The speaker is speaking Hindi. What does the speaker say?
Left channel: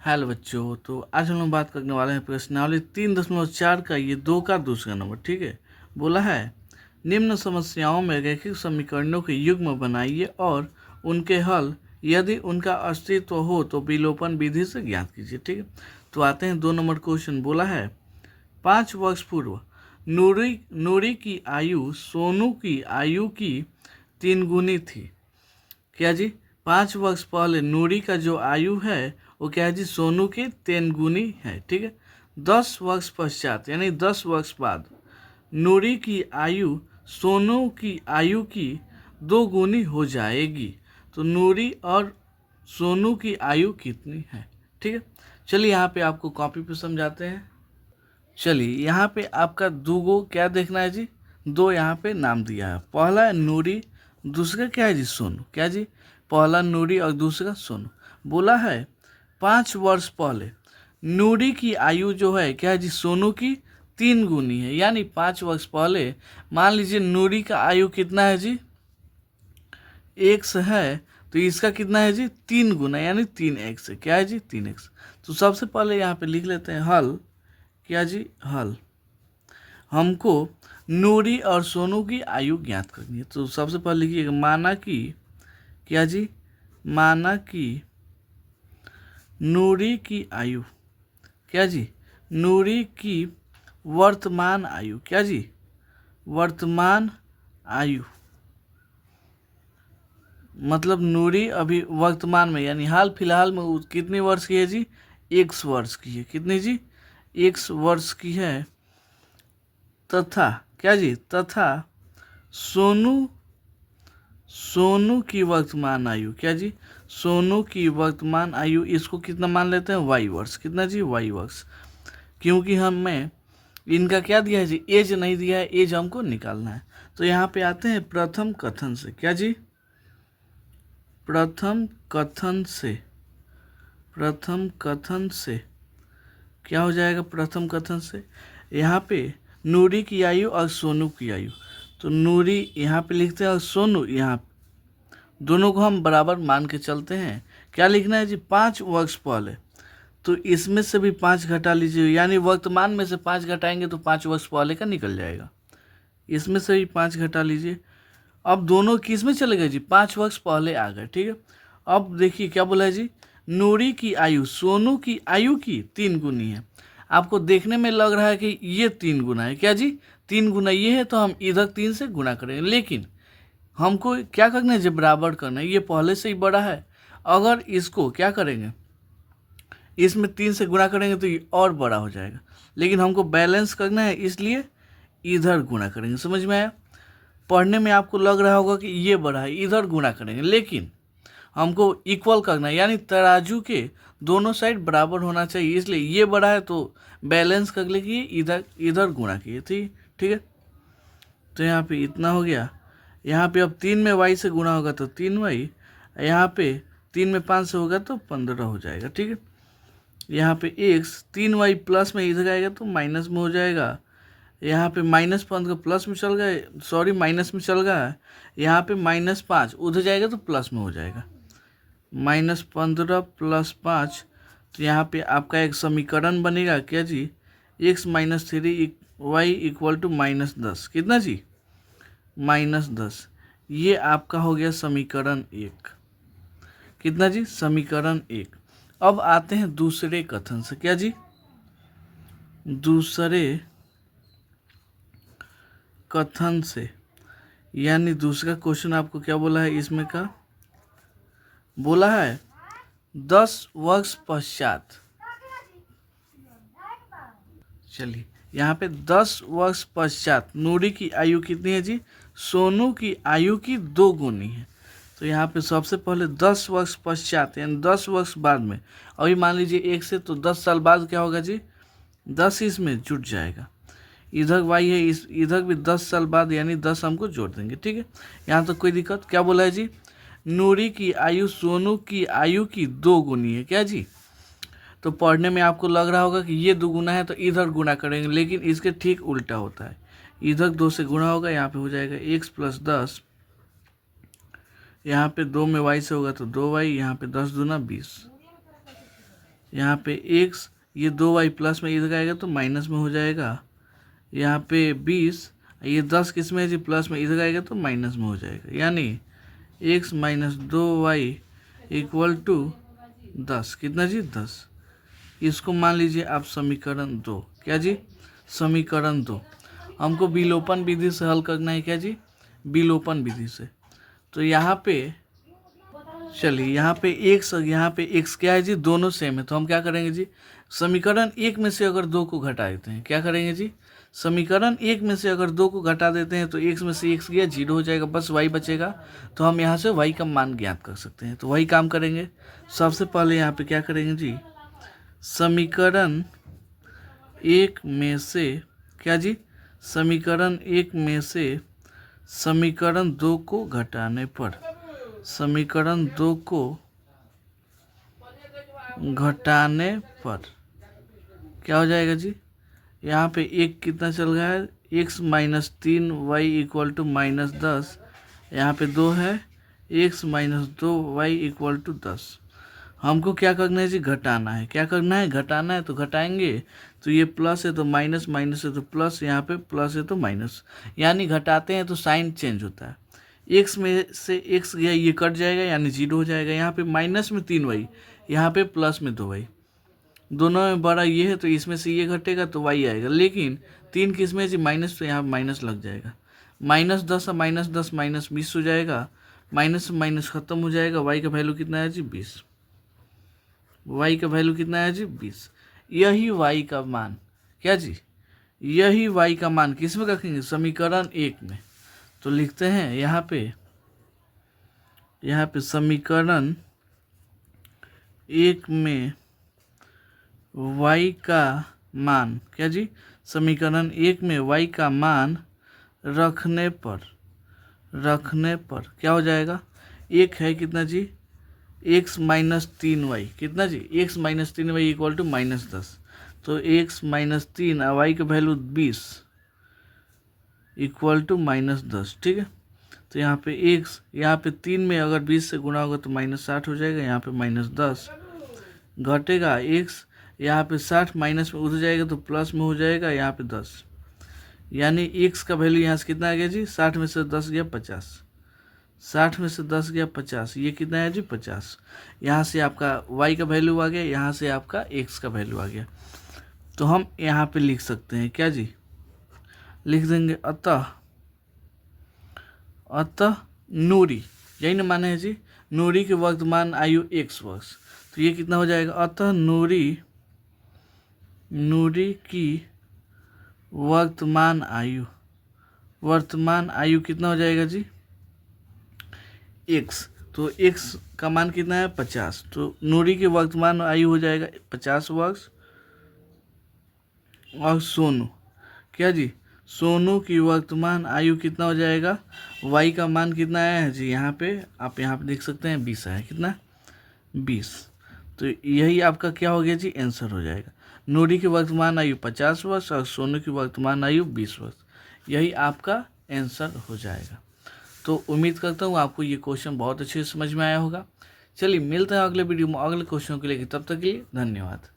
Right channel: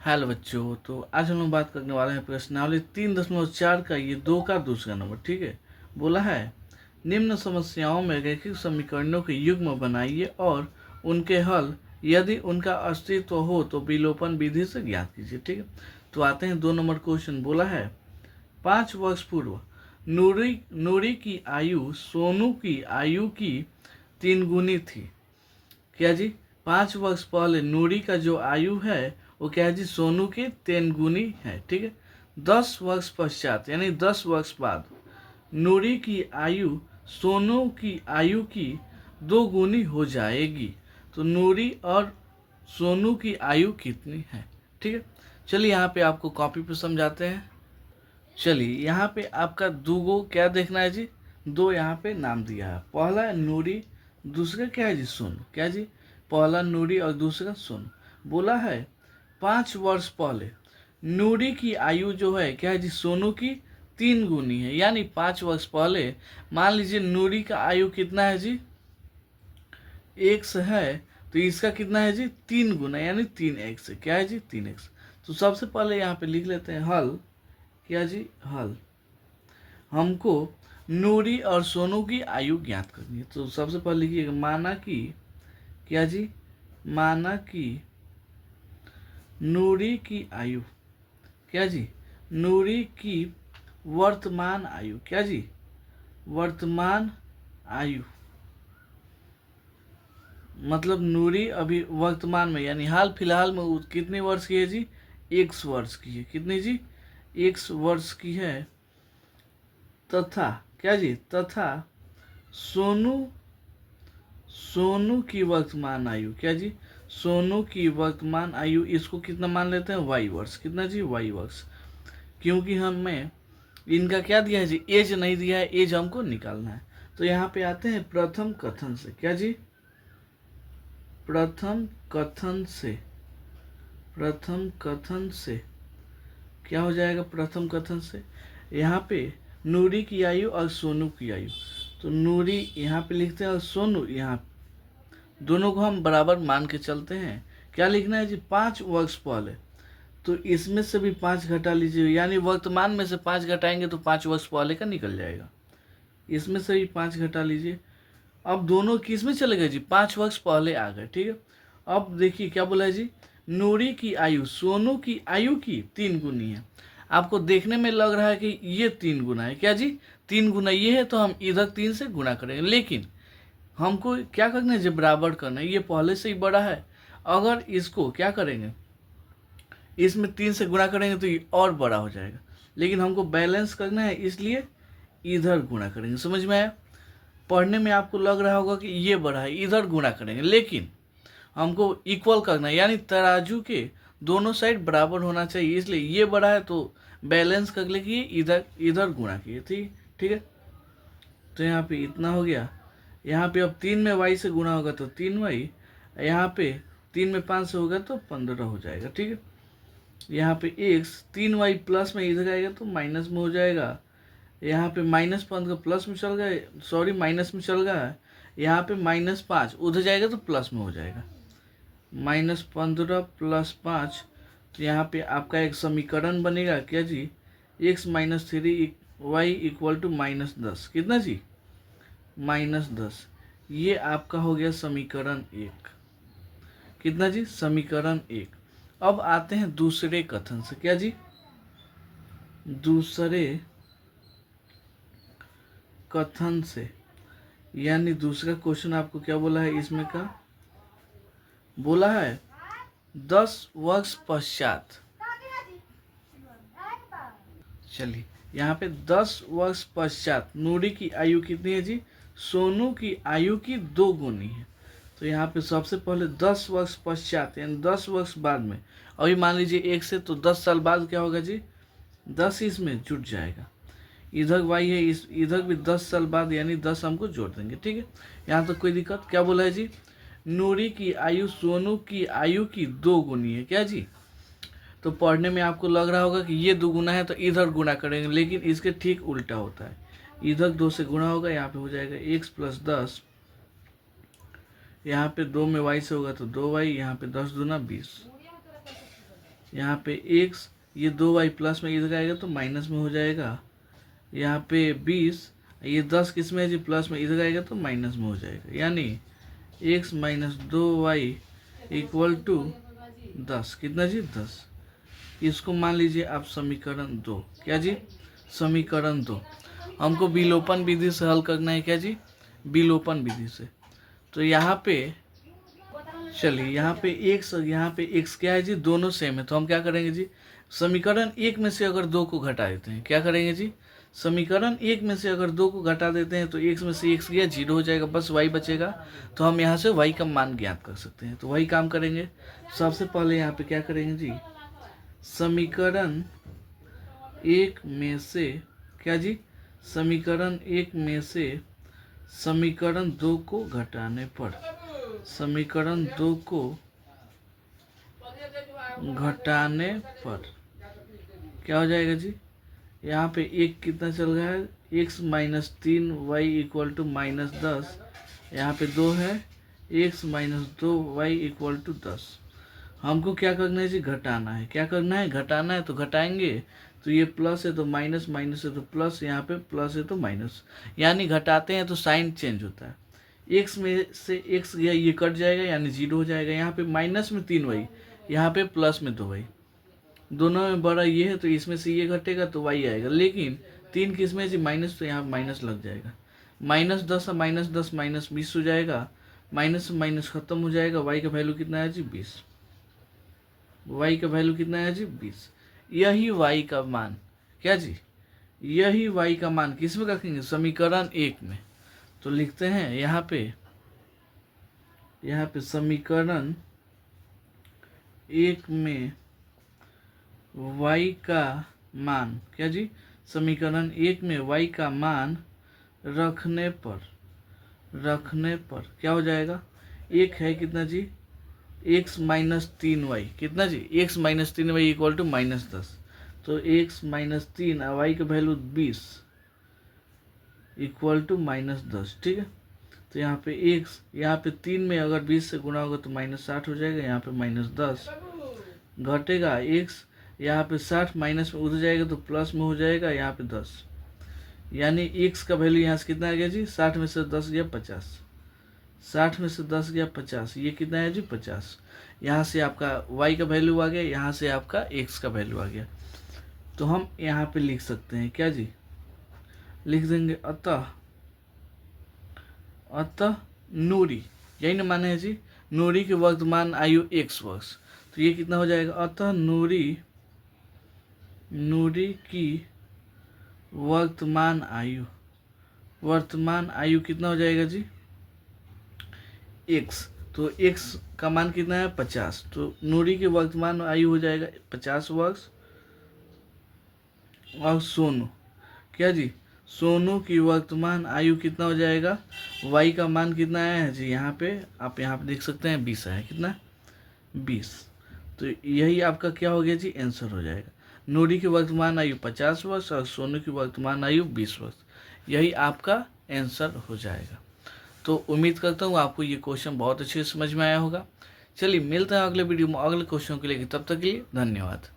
हेलो बच्चों, तो आज हम लोग बात करने वाले हैं प्रश्नावली 3.4 का ये 2 का दूसरा नंबर। ठीक है, बोला है निम्न समस्याओं में रैखिक समीकरणों के युग्म बनाइए और उनके हल यदि उनका अस्तित्व हो तो विलोपन विधि से ज्ञात कीजिए। ठीक है, तो आते हैं 2 नंबर क्वेश्चन। बोला है 5 वर्ष पूर्व नूरी की आयु सोनू की आयु की 3 गुनी थी। क्या जी? 5 वर्ष पहले नूरी का जो आयु है वो क्या है जी? सोनू की 3 गुनी है। ठीक है, 10 वर्ष पश्चात यानी 10 वर्ष बाद नूरी की आयु सोनू की आयु की 2 गुनी हो जाएगी। तो नूरी और सोनू की आयु कितनी है? ठीक है, चलिए यहाँ पे आपको कॉपी पे समझाते हैं। चलिए यहाँ पे आपका दूगो क्या देखना है जी? 2 यहाँ पे नाम दिया है। पहला है नूरी, दूसरा क्या है जी? सोनू। क्या जी? पहला नूरी और दूसरा सोनू। बोला है 5 वर्ष पहले नूरी की आयु जो है क्या है जी? सोनू की 3 गुनी है। यानी 5 वर्ष पहले मान लीजिए नूरी का आयु कितना है जी? एक्स है, तो इसका कितना है जी? 3 गुना यानी 3x है। क्या है जी? 3x। तो सबसे पहले यहाँ पे लिख लेते हैं हल। क्या जी? हल। हमको नूरी और सोनू की आयु ज्ञात करनी है। तो सबसे पहले लिखिएगा माना कि क्या जी? माना कि नूरी की आयु क्या जी? नूरी की वर्तमान आयु क्या जी? वर्तमान आयु मतलब नूरी अभी वर्तमान में यानी हाल फिलहाल में कितने वर्ष की है जी? 1 वर्ष की है। कितने जी? 1 वर्ष की है। तथा क्या जी? तथा सोनू सोनू की वर्तमान आयु क्या जी? सोनू की वर्तमान आयु इसको कितना मान लेते हैं? y वर्ष। कितना जी? y वर्ष। क्योंकि हमें इनका क्या दिया है जी? एज नहीं दिया है, एज हमको निकालना है। तो यहाँ पे आते हैं प्रथम कथन से। क्या जी? प्रथम कथन से। प्रथम कथन से क्या हो जाएगा? प्रथम कथन से यहाँ पे नूरी की आयु और सोनू की आयु, तो नूरी यहाँ पे लिखते हैं और सोनू यहाँ, दोनों को हम बराबर मान के चलते हैं। क्या लिखना है जी? 5 वर्ष पहले। तो इसमें से भी 5 घटा लीजिए, यानी वर्तमान में से 5 घटाएंगे तो 5 वर्ष पहले का निकल जाएगा। इसमें से भी 5 घटा लीजिए। अब दोनों किस में चले गए जी? 5 वर्ष पहले आ गए। ठीक है, अब देखिए क्या बोला है जी? नूरी की आयु सोनू की आयु की 3 गुनी है। आपको देखने में लग रहा है कि ये 3 गुना है। क्या जी? 3 गुना ये है, तो हम इधर 3 से गुना करेंगे। लेकिन हमको क्या करना है जी? बराबर करना है। ये पहले से ही बड़ा है। अगर इसको क्या करेंगे? इसमें 3 से गुणा करेंगे तो ये और बड़ा हो जाएगा। लेकिन हमको बैलेंस करना है, इसलिए इधर गुणा करेंगे। समझ में आया? पढ़ने में आपको लग रहा होगा कि ये बड़ा है, इधर गुणा करेंगे, लेकिन हमको इक्वल करना है, यानी तराजू के दोनों साइड बराबर होना चाहिए। इसलिए ये बड़ा है तो बैलेंस कर लेंगे, इधर इधर गुणा किए। ठीक ठीक है, तो यहाँ पे इतना हो गया। यहाँ पे अब 3 में y से गुणा होगा तो 3y, यहाँ पे 3 में 5 से होगा तो 15 हो जाएगा। ठीक है, यहाँ पे x 3y प्लस में इधर आएगा तो माइनस में हो जाएगा। यहाँ पे -15 प्लस में चल गए, सॉरी माइनस में चल गया। यहाँ पे -5 उधर जाएगा तो प्लस में हो जाएगा। -15 + 5, तो यहाँ पे आपका एक समीकरण बनेगा। क्या जी? x - 3 y = -10। कितना जी? -10। ये आपका हो गया समीकरण 1। कितना जी? समीकरण 1। अब आते हैं दूसरे कथन से। क्या जी? दूसरे कथन से, यानी दूसरा क्वेश्चन आपको क्या बोला है इसमें का? बोला है 10 वर्ष पश्चात। चलिए यहाँ पे 10 वर्ष पश्चात नूरी की आयु कितनी है जी? सोनू की आयु की 2 गुनी है। तो यहाँ पे सबसे पहले 10 वर्ष पश्चात यानी 10 वर्ष बाद में, अभी मान लीजिए 1 से, तो 10 साल बाद क्या होगा जी? 10 इसमें जुट जाएगा। इधर y है, इस इधर भी 10 साल बाद यानी 10 हमको जोड़ देंगे। ठीक है, यहाँ तक कोई दिक्कत? क्या बोला है जी? नूरी की आयु सोनू की आयु की 2 गुनी है। क्या जी? तो पढ़ने में आपको लग रहा होगा कि ये 2 गुना है तो इधर गुना करेंगे, लेकिन इसके ठीक उल्टा होता है। इधर 2 से गुणा होगा, यहाँ पे हो जाएगा x + 10, यहाँ पे 2 में y से होगा तो 2y, यहाँ पे 10 दूना 20। यहाँ पे x, ये 2y प्लस में इधर आएगा तो माइनस में हो जाएगा। यहाँ पे 20, ये 10 किस में है जी, प्लस में इधर आएगा तो माइनस में हो जाएगा। यानी x minus 2y equal to 10, कितना जी 10। इसको मान लीजिए आप समीकरण 2, क्या जी समीकरण 2। हमको विलोपन विधि से हल करना है, क्या जी विलोपन विधि से। तो यहाँ पे चलिए यहाँ पे x क्या है जी, दोनों सेम है। तो हम क्या करेंगे जी, समीकरण 1 में से अगर 2 को घटा देते हैं, क्या करेंगे जी, समीकरण 1 में से अगर 2 को घटा देते हैं तो x में से x गया, 0 हो जाएगा, बस y बचेगा। तो हम यहाँ से y का मान ज्ञात कर सकते हैं। तो वही काम करेंगे। सबसे पहले यहाँ पे क्या करेंगे जी, समीकरण 1 में से, क्या जी समीकरण 1 में से समीकरण 2 को घटाने पर, समीकरण 2 को घटाने पर क्या हो जाएगा जी, यहाँ पे एक कितना चल रहा है, x minus 3y equal to minus 10। यहाँ पे 2 है, x minus 2y equal to 10। हमको क्या करना है जी, घटाना है। क्या करना है, घटाना है। तो घटाएंगे तो ये प्लस है तो माइनस, माइनस है तो प्लस, यहाँ पे प्लस है तो माइनस, यानी घटाते हैं तो साइन चेंज होता है। x में से x गया, ये कट जाएगा यानी 0 हो जाएगा। यहाँ पे माइनस में 3y, यहाँ पे प्लस में 2y, दोनों में बड़ा ये है तो इसमें से ये घटेगा तो y आएगा। लेकिन 3 किस में जी, माइनस, तो यहाँ माइनस लग जाएगा। माइनस 10 और माइनस 10 माइनस 20 हो जाएगा। माइनस माइनस खत्म हो जाएगा। y का वैल्यू कितना है जी 20। y का वैल्यू कितना है जी 20। यही y का मान, क्या जी यही y का मान किस में रखेंगे, समीकरण 1 में। तो लिखते हैं यहाँ पे समीकरण 1 में y का मान, क्या जी समीकरण 1 में y का मान रखने पर क्या हो जाएगा, एक है कितना जी x माइनस 3y, कितना जी x minus 3y equal to minus 10। तो x माइनस 3 और y का वैल्यू 20 इक्वल टू माइनस 10, ठीक है। तो यहाँ पे x, यहाँ पे 3 में अगर 20 से गुणा होगा तो माइनस 60 हो जाएगा। यहाँ पे माइनस 10 घटेगा, x यहाँ पे 60 माइनस में उधर जाएगा तो प्लस में हो जाएगा, यहाँ पे 10, यानी x का वैल्यू यहाँ से कितना आ गया जी, 60 में से 10 गया 50, 60 में से 10 गया 50, ये कितना है जी 50। यहाँ से आपका y का वैल्यू आ गया, यहाँ से आपका x का वैल्यू आ गया। तो हम यहाँ पे लिख सकते हैं, क्या जी लिख देंगे, अतः नूरी, यही ना माने है जी, नूरी के वर्तमान आयु x वर्ष। तो ये कितना हो जाएगा, अतः नूरी की वर्तमान आयु कितना हो जाएगा जी x। तो x का मान कितना है 50। तो नूरी की वर्तमान आयु हो जाएगा 50 वर्ष। और सोनू, क्या जी सोनू की वर्तमान आयु कितना हो जाएगा, y का मान कितना आया है जी, यहाँ पे आप यहाँ पे देख सकते हैं 20 है, कितना 20। तो यही आपका क्या हो गया जी, आंसर हो जाएगा। नूरी की वर्तमान आयु 50 वर्ष और सोनू की वर्तमान आयु 20 वर्ष, यही आपका आंसर हो जाएगा। तो उम्मीद करता हूँ आपको ये क्वेश्चन बहुत अच्छे से समझ में आया होगा। चलिए मिलते हैं अगले वीडियो में अगले क्वेश्चन के लिए, तब तक के लिए धन्यवाद।